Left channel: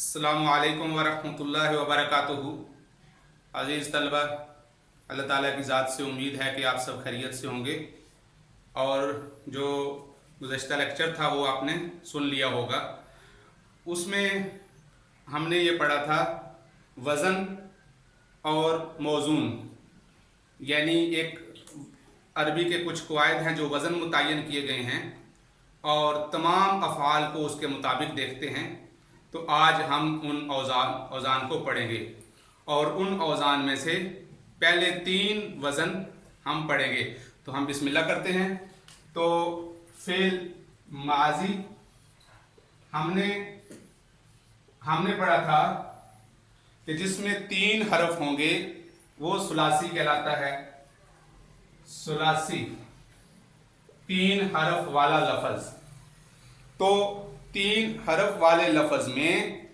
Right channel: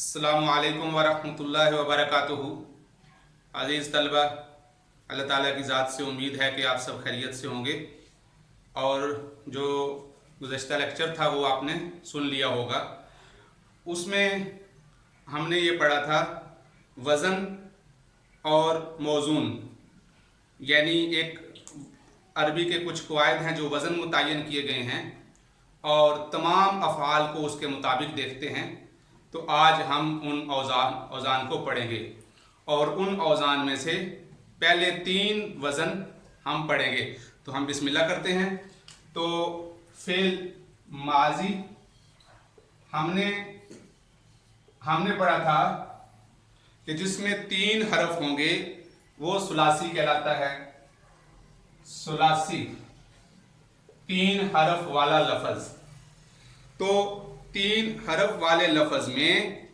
अस्सलामु अलैकुम वरहमतुल्लाहि वबरकातुहू। अज़ीज़ तलबा, अल्लाह ताला की ज़ात से उम्मीद है कि आप सब खैरियत से होंगे और जो गुज़श्ता लेक्चर था वो आपने सुन लिया होगा। उसमें हमने ये पढ़ा था वज़न और मौज़ून, यानी एक अरबी के कुछ कवायद हैं जो वज़न मुतय्यन किए गए हैं और तमाम अफ़आल को उसके मुताबिक देखते हैं। तो आज हम उन औज़ान को पढ़ेंगे और उन औज़ान में से पहले 3 वज़न हम पढ़ेंगे। तो हम बिस्मिल्लाह करते हैं। तो फ़िल माज़ी हमने पढ़ा था कि जिसमें 3 हरफ होंगे वो सुलासी कहलाता है। सुलासी 3 हरफ वाला लफ्ज़। तो 3 हरफ वाले लफ्ज़ में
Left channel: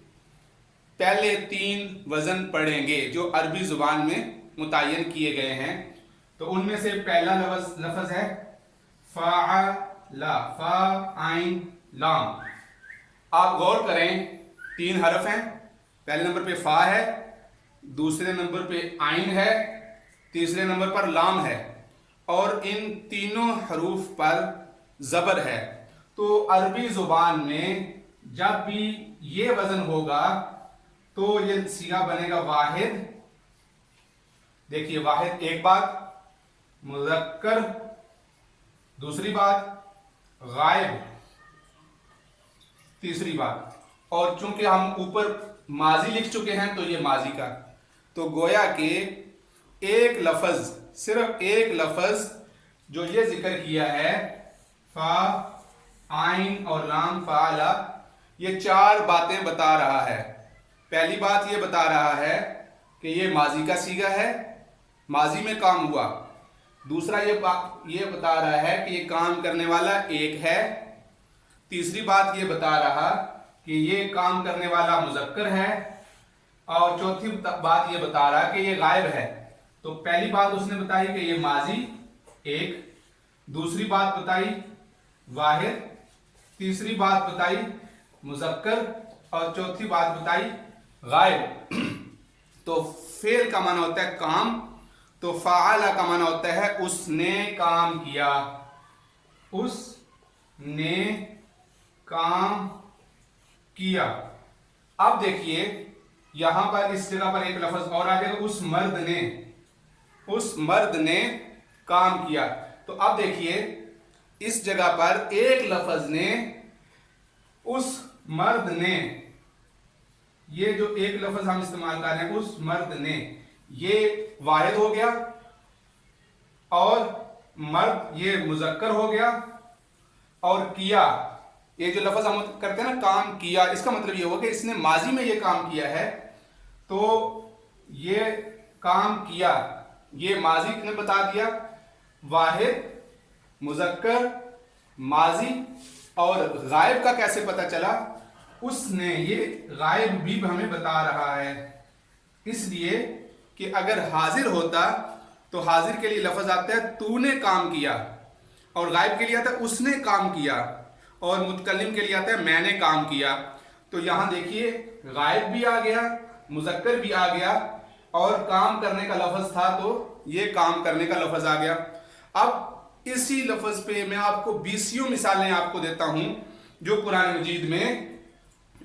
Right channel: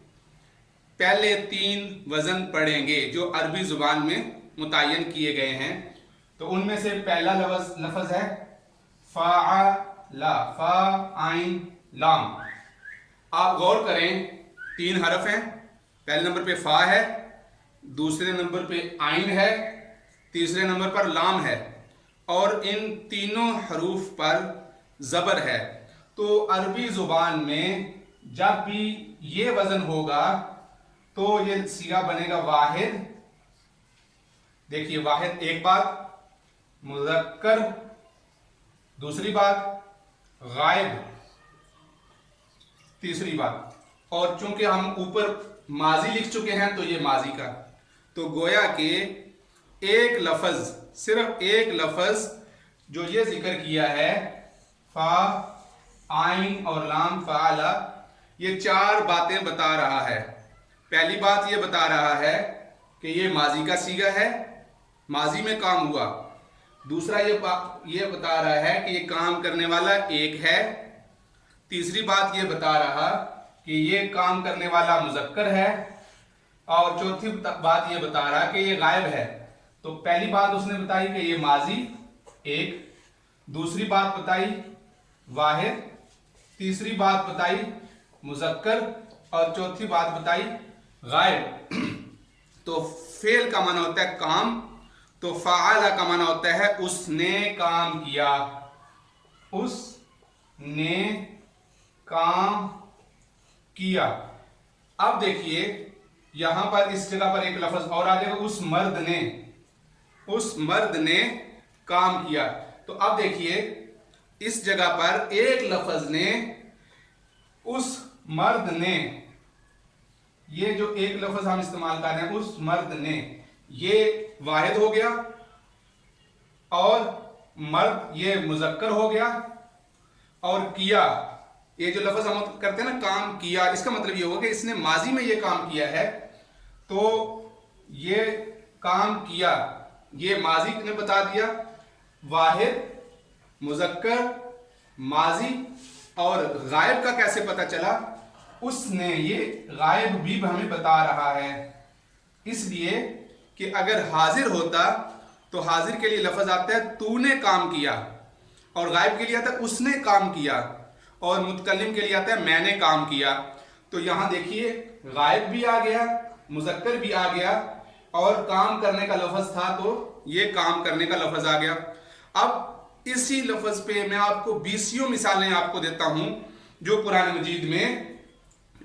पहले 3 वज़न पढ़ेंगे जो अरबी ज़ुबान में मुतय्यन किए गए हैं। तो उनमें से पहला लफ्ज़ है फ़अला, फ़ा आइन लाम। आप गौर करें, 3 हरफ हैं। पहले नंबर पे फ़ा है, दूसरे नंबर पे आइन है, तीसरे नंबर पर लाम है और इन तीनों हरूफ पर ज़बर है। तो अरबी ज़ुबान में जब भी ये वज़न होगा तो ये सीगा बनेगा वाहिद। देखिए, वाहिद एक बात, मुज़क्कर दूसरी बात, गायब तीसरी बात। और चूंकि हम ऊपर माजी लिख चुके हैं तो ये माजी का, तो गोया के एक लफ्ज़, सिर्फ एक लफ्ज़ जो ये जिक्र किया है फा आइन और लाम फ़अला, ये 4 बातें बता रहा है। पहली बात ये बता रहा है कि ये माजी का सीगा है, माजी में काम हुआ। दूसरा ये बता रहा है कि ये काम करने वाला एक है। तीसरी बात ये बता रहा कि ये काम करने वाला मुज़क्कर है और चौथी बात ये बता रहा कि ये गायब है। तो पहली बात उसने बताई कि ये माजी एक, दूसरी बात बताई वाहिद, तीसरी बात बताई मुज़क्कर और चौथी बात बताई गायब। तो फेल का माना होता है काम, तो फ़अला का माना होता है उसने काम किया, उसने काम किया। अब देखिए, यहां पर इस जगह पर एक लफ्ज़ और आ जाएगा, उस मर्द ने काम किया। तो अब देखिए, इस जगह पर एक लफ्ज़ ने, उस मर्द ने, ये जो एक लफ्ज़ हम इस्तेमाल कर रहे हैं उस मर्द ने, ये वाहिद हो गया और मर्द ये मुज़क्कर हो गया। और किया, ये जो लफ्ज़ हम करते हैं ना काम किया, इसका मतलब ये होगा कि इसने माजी में ये काम किया है। तो ये काम किया, ये माजी ने बता दिया, वाहिद, मुज़क्कर, माजी। और गायब का कैसे पता चला? उसने, ये गायब भी हमें बता रहा है, इसलिए कि अगर हाजिर होता तो हाजिर के लिए लफ्ज़ आता है तूने काम किया, और गायब के लिए आता है उसने काम किया, और मुतकल्लिम के लिए आता है मैंने काम किया। तो यहां देखिए, गायब भी आ गया, मुज़क्कर भी आ गया और काम करने का लफ्ज़ था तो ये काम करने का लफ्ज़ आ गया। अब इसी लफ्ज़ पे मैं आपको 20 मिसालें आपको देता हूं जो कुरान मजीद में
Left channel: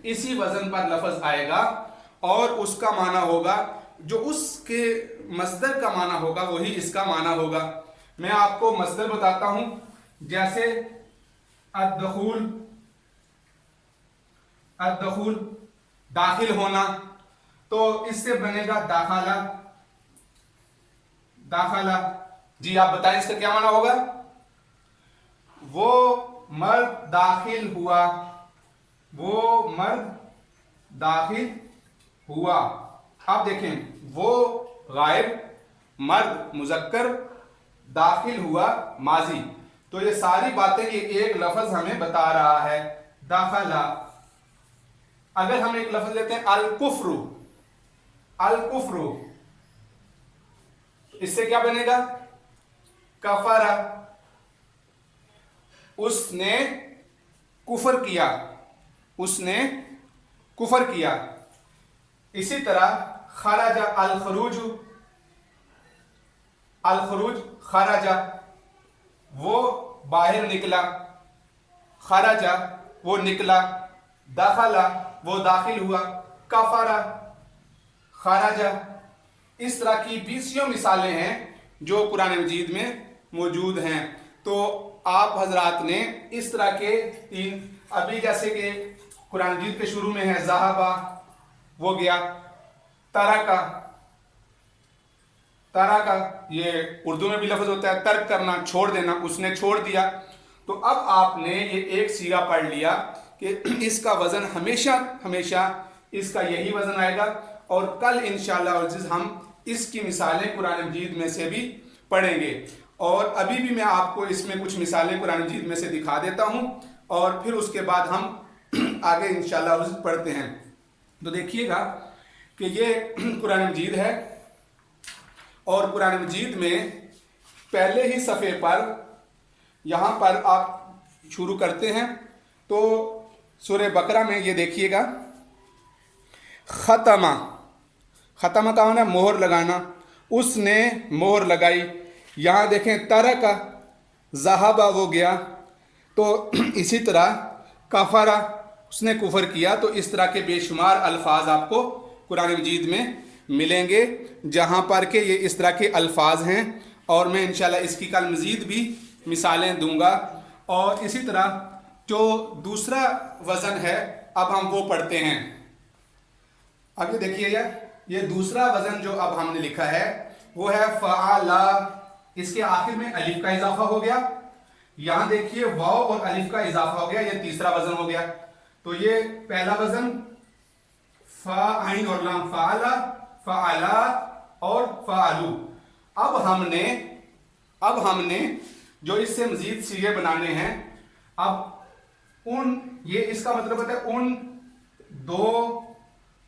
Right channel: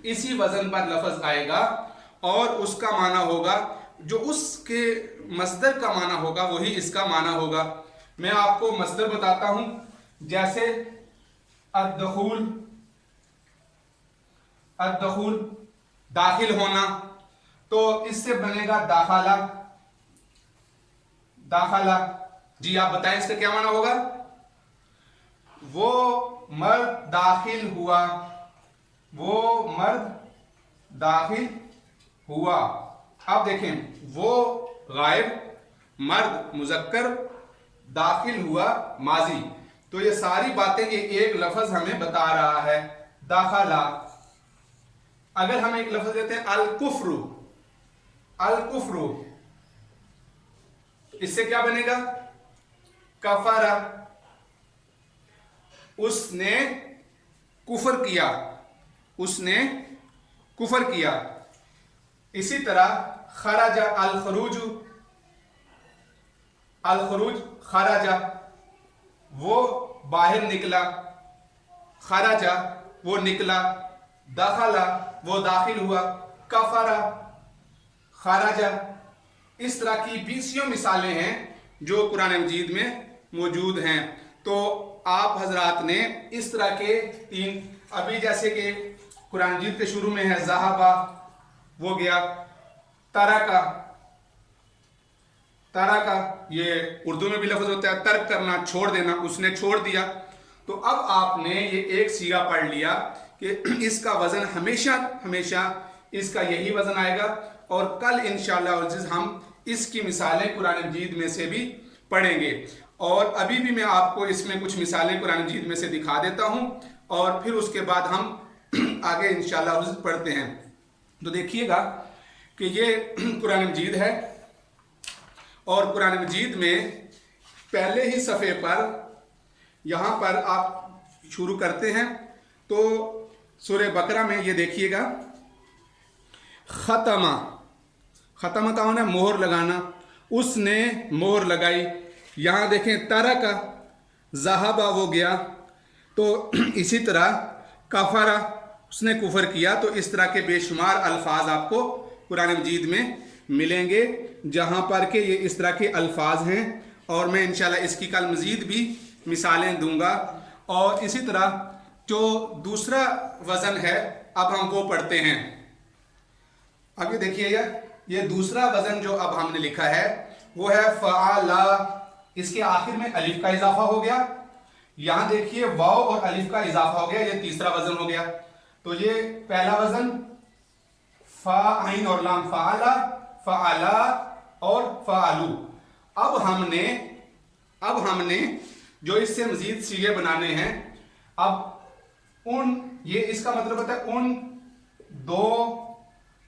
इसी वज़न पर लफ्ज़ आएगा और उसका माना होगा, जो उसके मस्दर का माना होगा वही इसका माना होगा। मैं आपको मस्दर बताता हूं, जैसे अद्दखूल, दाखिल होना, तो इससे बनेगा दाखला। जी आप बताएं इसका क्या माना होगा? वो मर्द दाखिल हुआ, वो मर्द दाखिल हुआ। अब देखें, वो गायब, मर्द मुज़क्कर, दाखिल हुआ माजी। तो ये सारी बातें ये एक लफ्ज़ हमें बता रहा है, दाखला। अगर हम एक लफ्ज़ देते हैं अल कुफ्रु, इससे क्या बनेगा? कफरा, उसने कुफर किया, उसने कुफर किया। इसी तरह खराजा अल खरूज, अल खरूज खराजा वो बाहर निकला, खराजा वो निकला, दाखला वो दाखिल हुआ, कफरा खराजा। इस तरह की 20 मिसालें हैं जो कुरान मजीद में मौजूद हैं। तो आप हजरात ने इस तरह के 3, अभी जैसे कि कुरान मजीद के शुरू में है ज़हाबा वो गया, तरका, तरका ये उर्दू में भी लफ्ज़ होता है तर्क करना, छोड़ देना, उसने छोड़ दिया। तो अब आपने ये एक सीगा पढ़ लिया कि इसका वज़न हमेशा हमेशा इसका यही वज़न आएगा, और कल इंशाअल्लाह अज़ीज़ हम इसकी मिसालें कुरान मजीद में से भी पढ़ेंगे। और अभी भी मैं आपको इसमें कुछ मिसालें कुरान मजीद में से दिखा देता हूँ, और फिर उसके बाद हम आगे इंशाअल्लाह अज़ीज़ पढ़ते हैं। तो देखिएगा कि ये कुरान मजीद है, और कुरान मजीद में पहले ही सफ़े पर यहाँ पर आप शुरू करते हैं तो सूरह बकरा में ये देखिएगा, ख़तमा, ख़तमा का होना मोहर लगाना, उसने मोहर लगाई। यहाँ देखें तरका, ज़हाबा वो गया। तो इसी तरह कफरा उसने कुफर किया। तो इस तरह के बेशुमार अल्फाज आपको कुरान मजीद में मिलेंगे जहाँ पर के ये इस तरह के अल्फाज हैं, और मैं इंशाल्लाह इसकी कल मज़ीद भी मिसालें दूंगा। और इसी तरह जो दूसरा वज़न है अब हम वो पढ़ते हैं। अब ये देखिएगा, ये दूसरा वज़न जो अब हमने लिखा है वो है फ़अला। इसके आखिर में अलिफ का इजाफा हो गया। यहाँ देखिए वाव और अलिफ का इजाफा हो गया, ये तीसरा वज़न हो गया। तो ये पहला वज़न फ़ा आइन और लाम, फ़अला, फ़अला और फ़अलू। अब हमने जो इससे मजीद सीगे बनाने हैं, अब ये इसका मतलब होता है उन 2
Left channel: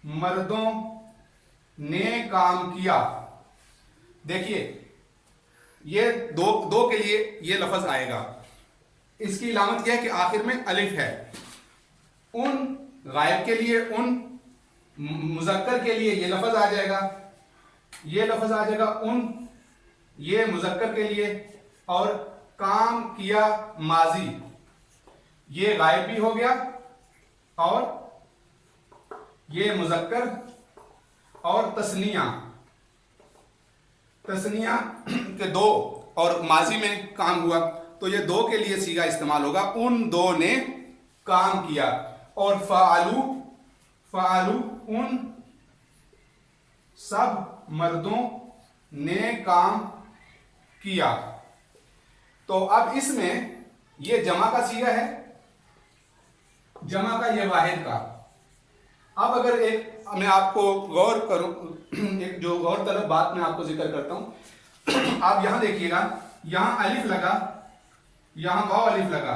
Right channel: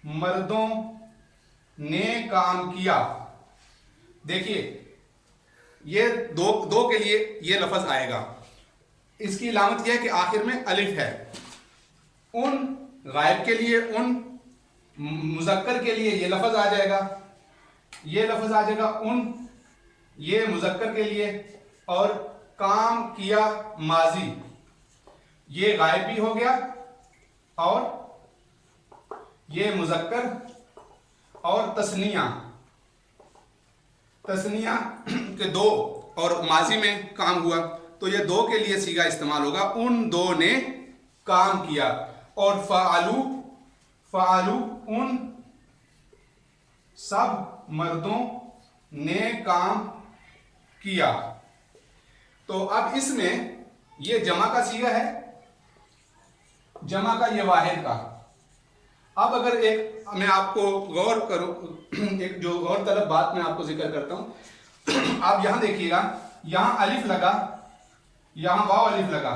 मर्दों ने काम किया। देखिए ये दो के लिए ये लफ्ज़ आएगा, इसकी इलामत यह है कि आखिर में अलिफ है। उन गायब के लिए, उन मुज़क्कर के लिए ये लफ्ज़ आ जाएगा, ये लफ्ज़ आ जाएगा उन, ये मुज़क्कर के लिए, और काम किया माजी, ये गायब भी हो गया, और ये मुज़क्कर, और तस्निया के 2 और माजी में काम हुआ, तो ये 2 के लिए सीगा इस्तेमाल होगा, उन 2 ने काम किया। और फ़अलू उन सब मर्दों ने काम किया। तो अब इसमें ये जमा का सीगा है, जमा का ये वाहिद का। अब अगर एक मैं आपको गौर करूं, एक जो गौर तलब बात मैं आपको जिक्र करता हूं। आप यहां देखिएगा, यहां अलिफ लगा, यहां वाव अलिफ लगा,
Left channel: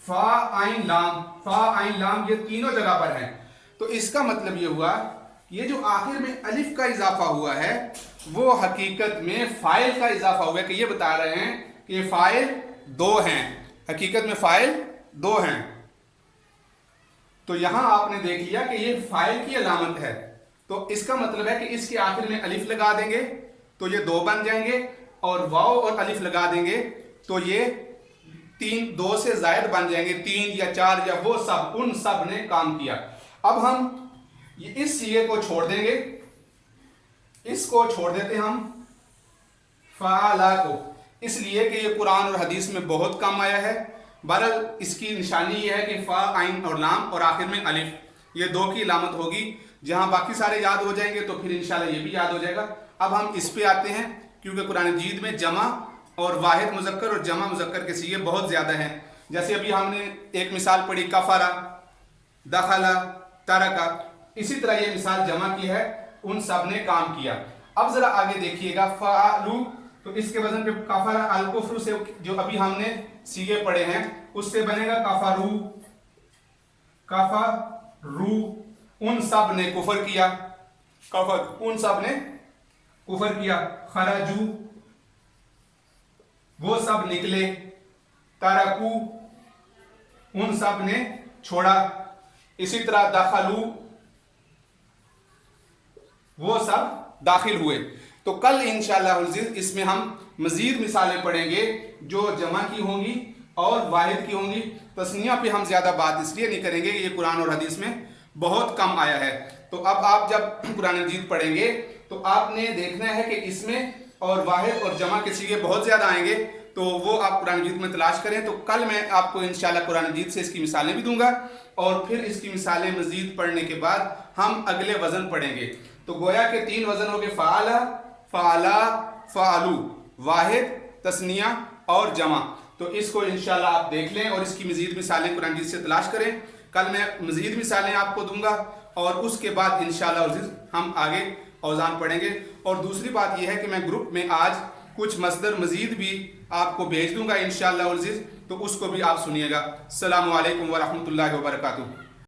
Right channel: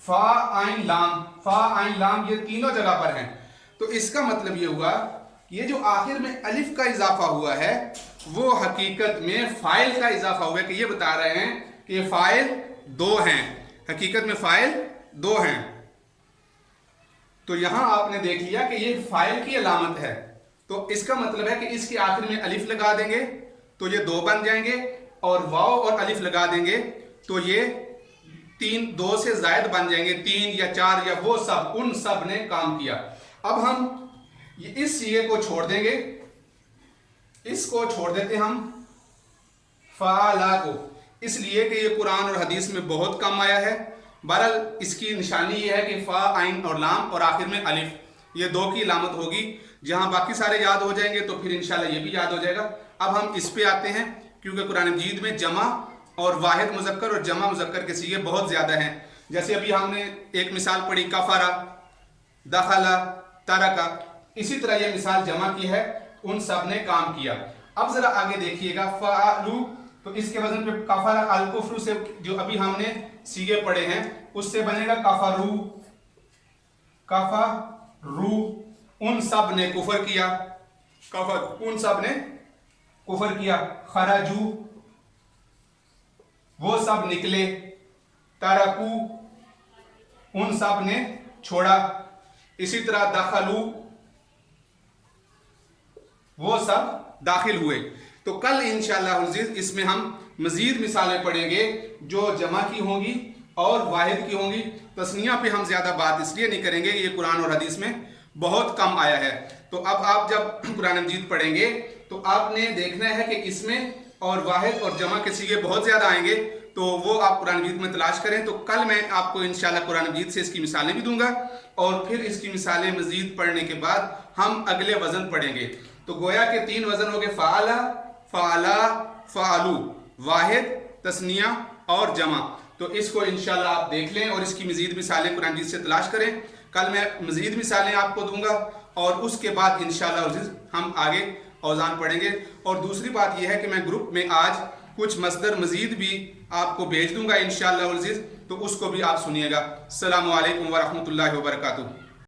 फा आइन लाम, फा आइन लाम, ये तीनों जगह पर हैं। तो इसका मतलब ये हुआ कि ये जो आखिर में अलिफ का इजाफा हुआ है वो हकीकत में फाइल का इजाफा हुआ है, कि ये बता रहे हैं कि फाइल 2 हैं, हकीकत में फाइल 2 हैं। तो यहां आपने देख लिया कि ये फाइल की अलामत है, तो इसका मतलब है कि इसके आखिर में अलिफ लगा देंगे तो ये 2 बन जाएंगे, और वाव और अलिफ लगा देंगे तो ये 2 से जायद बन जाएंगे, 3 या 4 या वो सब, उन सब ने काम किया। अब हम इस सीगे को छोड़ देंगे, इसको छोड़ देते हम फ़अला को, इसलिए कि ये कुरान और हदीस में बहुत कम आया है। बहरहाल इसकी निशानी ये है कि फ़ा आइन और लाम और आखिर में अलिफ, ये 2 की इलामत होगी। जहां बाकी सारे याद हो जाएंगे तो फिर इंशाल्लाह ये भी याद हो जाएगा। अब हम इस पे आते हैं, क्योंकि कुरान मजीद में जमा और वाहिद मुज़क्कर और जमा मुज़क्कर के सीगे बहुत ज़्यादा हैं। जैसे अभी हमने एक मिसाल पढ़ी कफरा, दखला, तरका, इसी तरह ये मिसाल जमा की है, उन सब ने काम किया। अब जरा आगे देखिएगा, फ़अलू, तो इसके वजन पे कफरा अल कुफ्र से जो अभी हमने सीगे पढ़े हैं उससे बनेगा कफरू, कफरू, उन सब ने कुफर किया, कफर, उन सब ने कुफर किया। खराजू, वो सब निकले, तरकू, उन सब ने छोड़ा। इसी तरह दखलू, وہ سب داخل ہوئے۔ تو کل انشاءاللہ العزیز اس میں ہم مزید مثالیں پڑھیں گے جو جمع کی ہوں گی اور واحد کی ہوں گی۔ تثنیہ پہ ہم زیادہ بات اس لیے نہیں کریں گے کہ یہ قرآن اور حدیث میں بہت کم آیا ہے۔ تو اب آپ جب قرآن مجید پڑھیں گے تو آپ نے دیکھنا ہے کہ اس میں اور واحد اور جمع کے صیغے بہت زیادہ آئیں گے، تو وہ آپ قرآن مجید میں تلاش کریں۔ تو کل میں آپ کو انشاءاللہ قرآن مجید سے اس کی مثالیں بھی دوں گا، اور پھر اس کی مثالیں مزید پڑھنے کے بعد ہم اگلے وزن پڑھیں گے۔ تو گویا کہ 3 وزن ہو گئے، فعلا، فعلا، فعلو، واحد، تثنیہ اور جمع۔ تو اس کو انشاءاللہ آپ دیکھ لیں اور اس کی مزید مثالیں قرآن مجید سے تلاش کریں۔ کل میں مزید مثالیں آپ کو دوں گا، اور اس کے بعد انشاءاللہ العزیز ہم آگے اوزان پڑھیں گے۔ اور دوسری بات یہ ہے کہ میں گروپ میں آج کچھ مصدر مزید بھی آپ کو بھیج دوں گا انشاءاللہ العزیز، تو اس کو بھی آپ سنیے گا۔ السلام علیکم ورحمۃ اللہ وبرکاتہ۔